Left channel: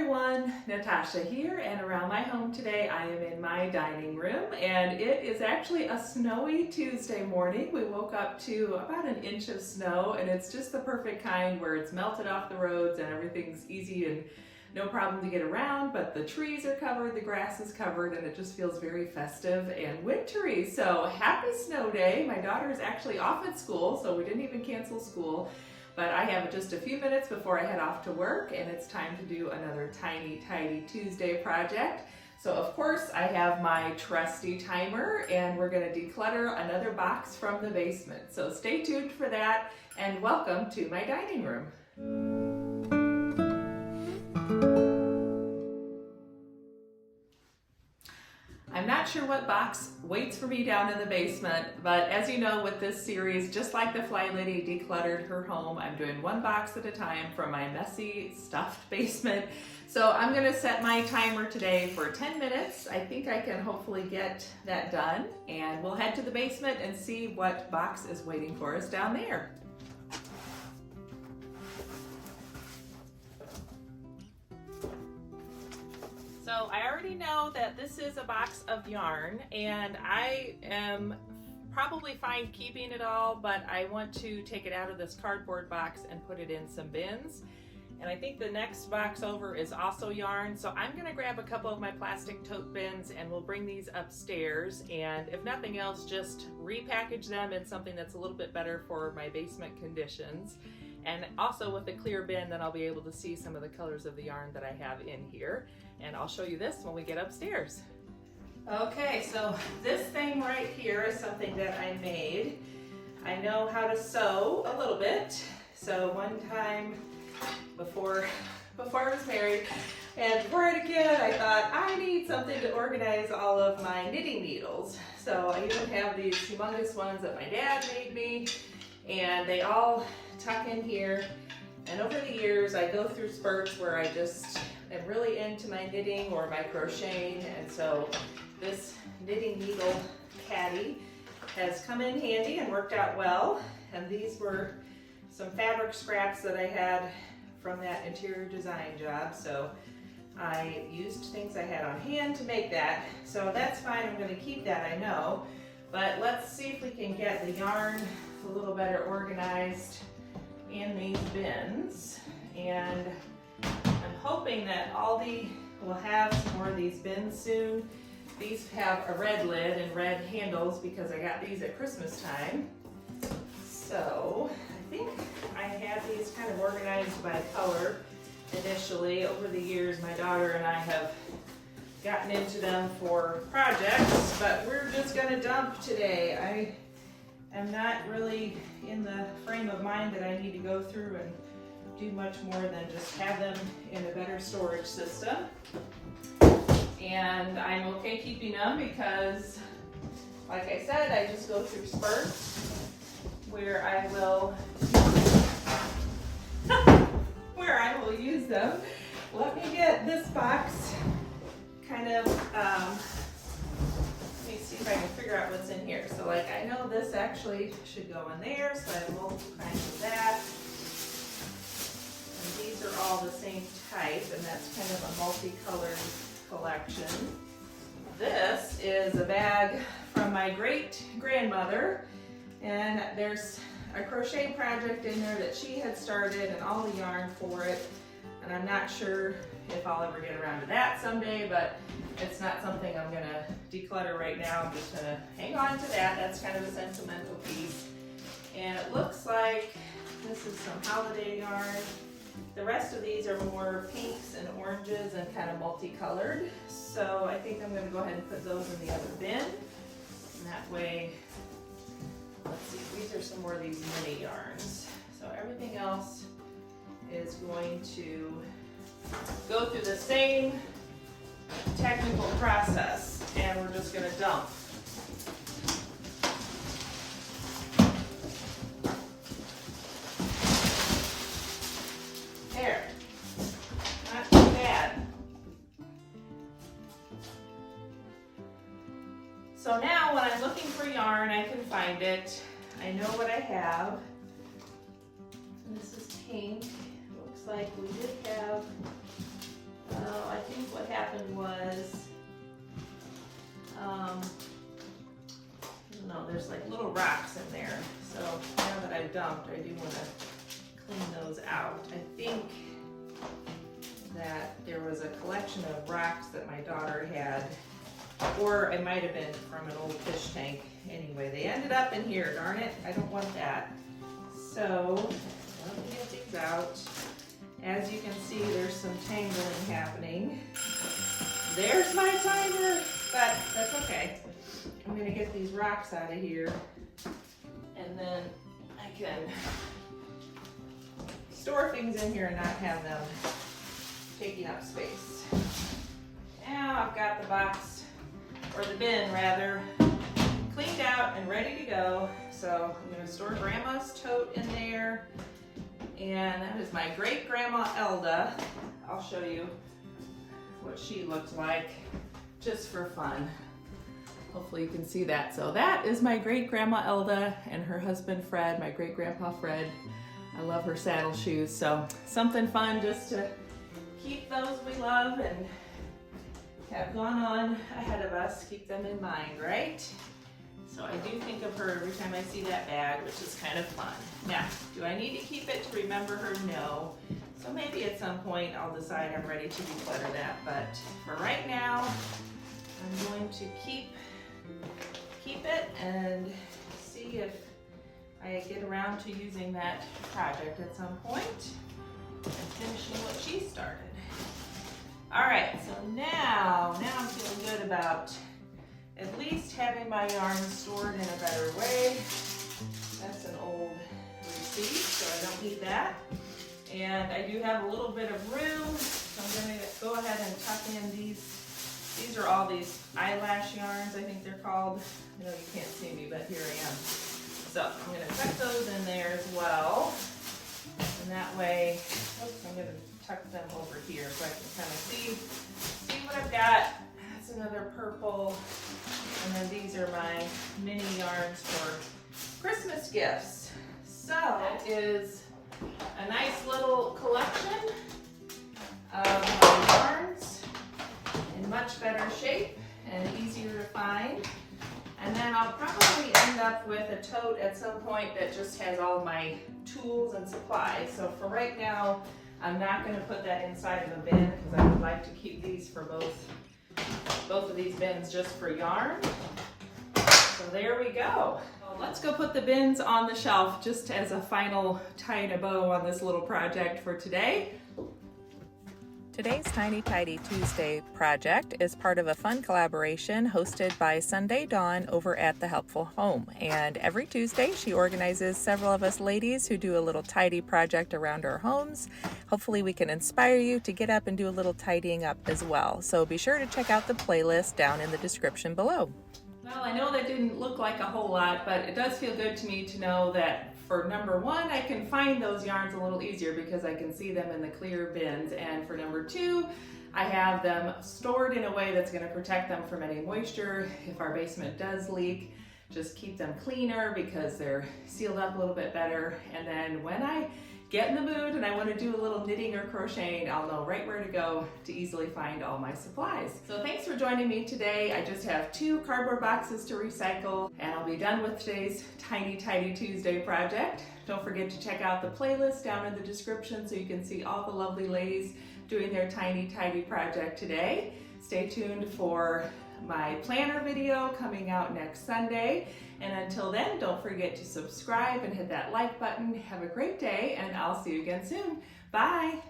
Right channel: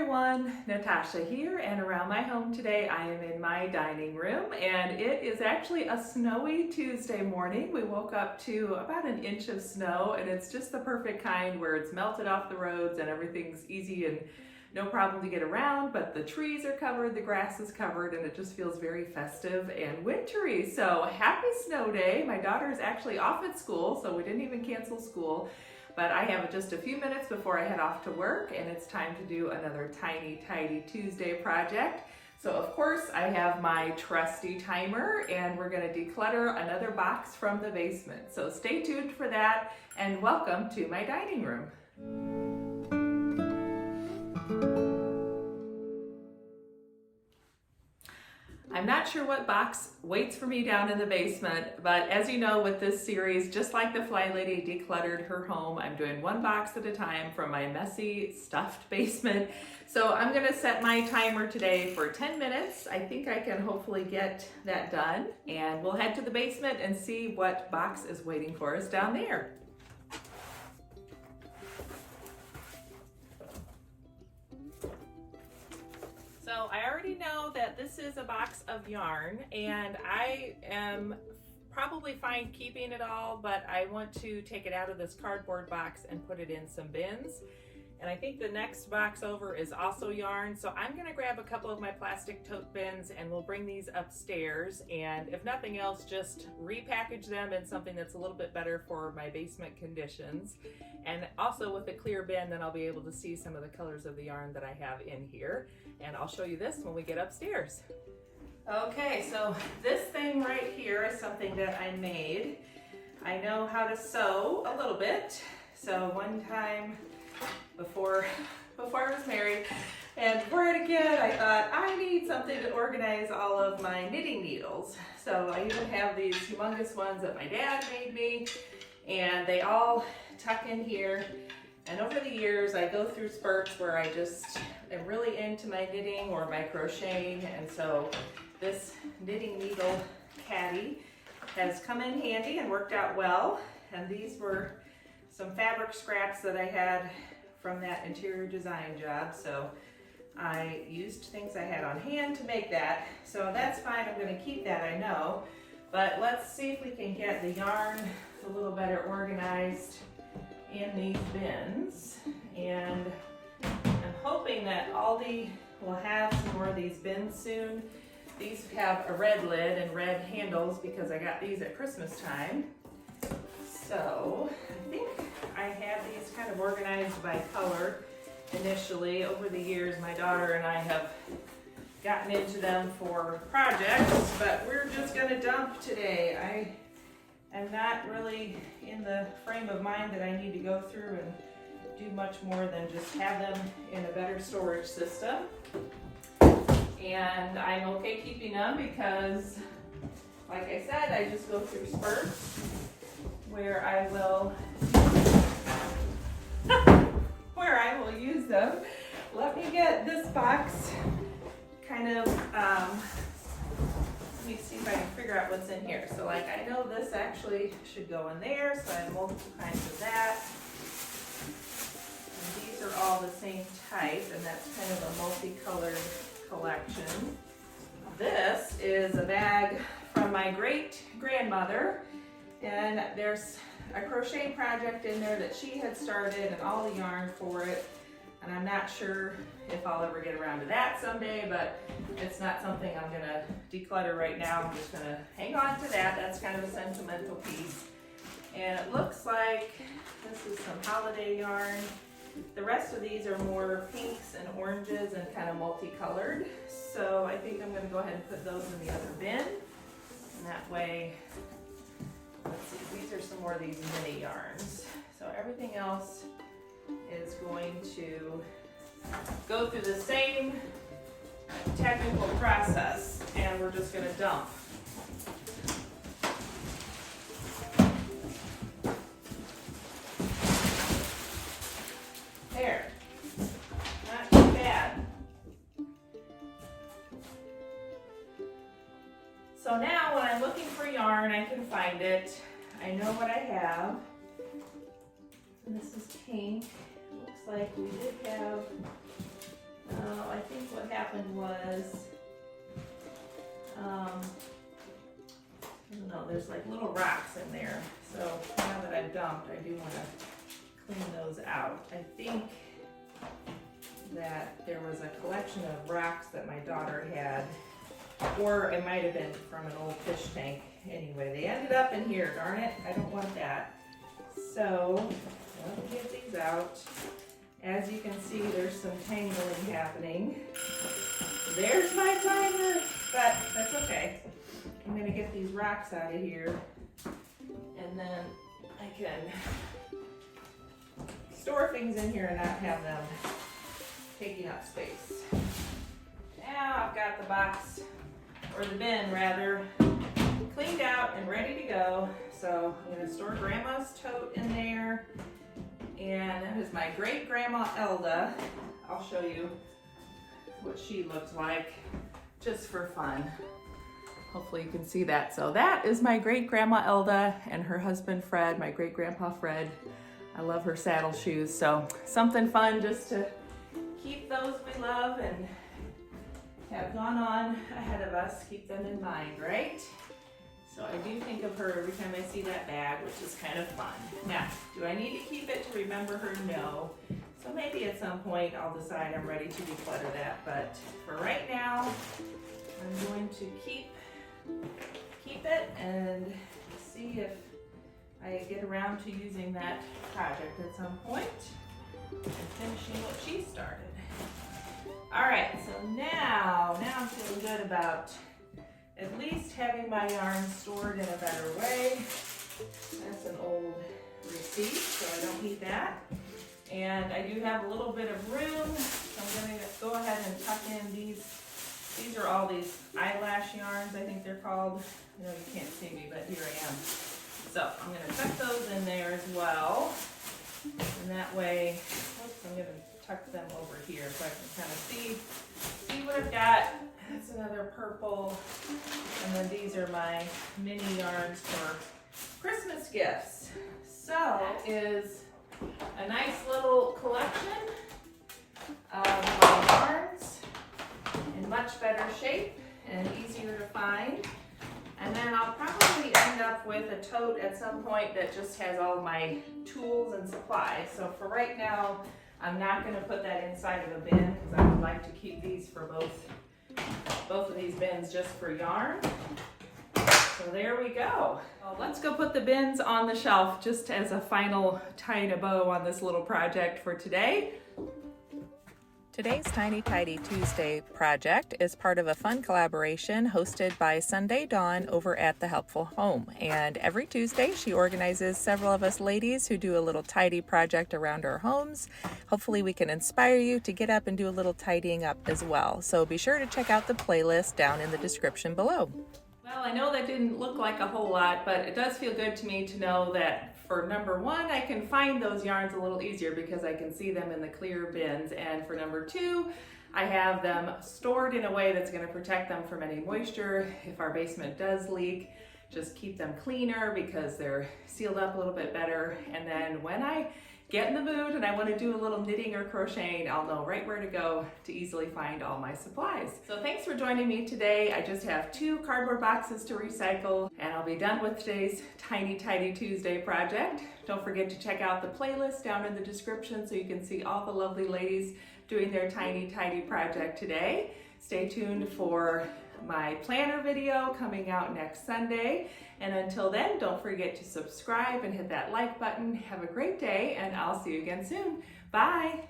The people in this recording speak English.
everyone, Natasha here, and around my home today I am in my dining room, and it is actually a snowy Tuesday morning. We woke up to about an inch of snow, and it's just the perfect kind where it's melted off the roads and everything's easy and no problem to get around, but the trees are covered, the grass is covered, and it just feels very festive and wintry. So happy snow day. My daughter is actually off at school, so we didn't even cancel school. But I have just a few minutes before I head off to work, and it's time to do another tiny, tidy Tuesday project. So of course I have my trusty timer, and we're gonna declutter another box from the basement. So stay tuned for that, and welcome to my dining room. I'm not sure what box waits for me down in the basement, but as you know, with this series, just like the FlyLady decluttered her home, I'm doing one box at a time from my messy, stuffed basement. So I'm gonna set my timer today for 10 minutes. I think I can hopefully get that done, and we'll head to the basement and see what box is waiting for us down there. So I already know that this is a box of yarn, and I am probably fine keeping it all, but I want to take it out of this cardboard box and put it in some bins. And I think the next box over is also yarn, so I'm gonna grab a couple of my plastic tote bins and we'll bring these upstairs, and if nothing else, just repackage them in something that's a little bit better for my basement conditions. And also with a clear bin, then I'll be able to see some of the colors of the yarn that I have in here. And I'll show you this when we get upstairs. Okay, so this thing right here is something that I made. I know how to sew a little bit. So one time before I was married and before I had a kid, I thought I need something to organize all of my knitting needles. So I even have these humongous ones that my dad made me, and they all tuck in here. And over the years, I go through spurts where I just am really into my knitting or my crocheting, and so this knitting needle caddy has come in handy and worked out well. And these were some fabric scraps that I had from that interior design job, so I used things I had on hand to make that. So that's fine, I'm gonna keep that, I know. But let's see if we can get the yarn a little better organized in these bins. And I'm hoping that Aldi will have some more of these bins soon. These have a red lid and red handles because I got these at Christmas time. So I think I had these kind of organized by color initially. Over the years, my daughter and I have gotten into them for projects, but we're just gonna dump today. I'm not really in the frame of mind that I need to go through and do much more than just have them in a better storage system. And I'm okay keeping them because, like I said, I just go through spurts where I will use them. Let me get this box kind of, let me see if I can figure out what's in here. So like, I know this actually should go in there, so I have multiple kinds of that. And these are all the same type, and that's kind of a multicolored collection. This is a bag from my great grandmother, and there's a crochet project in there that she had started and all the yarn for it. And I'm not sure if I'll ever get around to that someday, but it's not something I'm gonna declutter right now. I'm just gonna hang on to that. That's kind of a sentimental piece. And it looks like this is some holiday yarn. The rest of these are more pinks and oranges and kind of multicolored. So I think I'm gonna go ahead and put those in the other bin. And that way, let's see, these are some more of these mini yarns. So everything else is going to go through the same technical process, and we're just going to dump. There, not too bad. So now when I'm looking for yarn, I can find it. I know what I have. And this is pink. Looks like we did have there's like little rocks in there. So now that I've dumped, I do want to clean those out. I think that there was a collection of rocks that my daughter had, or it might have been from an old fish tank. Anyway, they ended up in here, darn it, I don't want that. So, let me get these out. As you can see, there's some tangling happening. There's my timer, but that's okay. I'm gonna get these rocks out of here, and then I can store things in here and not have them taking up space. Now I've got the box, or the bin rather, cleaned out and ready to go. So I'm gonna store Grandma's tote in there. And that is my great grandma Elda. I'll show you what she looked like just for fun. Hopefully you can see that. So that is my great grandma Elda and her husband Fred, my great grandpa Fred. I love her saddle shoes. So something fun just to keep those we love and have gone on ahead of us, keep them in mind, right? So I do think of her every time I see that bag, which is kind of fun. Now, do I need to keep it to remember her? No. So maybe at some point I'll decide I'm ready to declutter that, but for right now, I'm going to keep it and see if I get around to using that project at some point and finishing what she started. All right, so now I'm feeling good about at least having my yarn stored in a better way. That's an old receipt, so I don't need that. And I do have a little bit of room, so I'm gonna go ahead and tuck in these. These are all these eyelash yarns, I think they're called. I know you can't see me, but here I am. So I'm gonna tuck those in there as well. And that way, I'm gonna tuck them over here so I can kind of see what I've got. That's another purple. And then these are my mini yarns for Christmas gifts. So it is a nice little collection of my yarns in much better shape and easier to find. And then I'll probably end up with a tote at some point that just has all of my tools and supplies. So for right now, I'm not going to put that inside of a bin because I would like to keep these for both of these bins just for yarn. So there we go. Well, let's go put the bins on the shelf just as a final tie a bow on this little project for today. Today's Tiny Tidy Tuesday project is part of a fun collaboration hosted by Sunday Dawn over at The Helpful Home. And every Tuesday she organizes several of us ladies who do a little tidy project around our homes. Hopefully we can inspire you to get up and do a little tidying up as well. So be sure to check out the playlist down in the description below. Well, I know that didn't look like a whole lot, but it does feel good to me to know that for number one, I can find those yarns a little easier because I can see them in the clear bins. And for number two, I have them stored in a way that's going to protect them from any moisture. If our basement does leak, just keep them cleaner because they're sealed up a little bit better. And then when I get in the mood and I want to do a little knitting or crocheting, I'll know right where to go to easily find all my supplies. So thanks for joining me today. I just have 2 cardboard boxes to recycle and I'll be done with today's Tiny Tidy Tuesday project. Don't forget to check out the playlist down in the description so you can see all the lovely ladies doing their Tiny Tidy project today. Stay tuned for my planner video coming out next Sunday. And until then, don't forget to subscribe and hit that like button. Have a great day, and I'll see you again soon. Bye.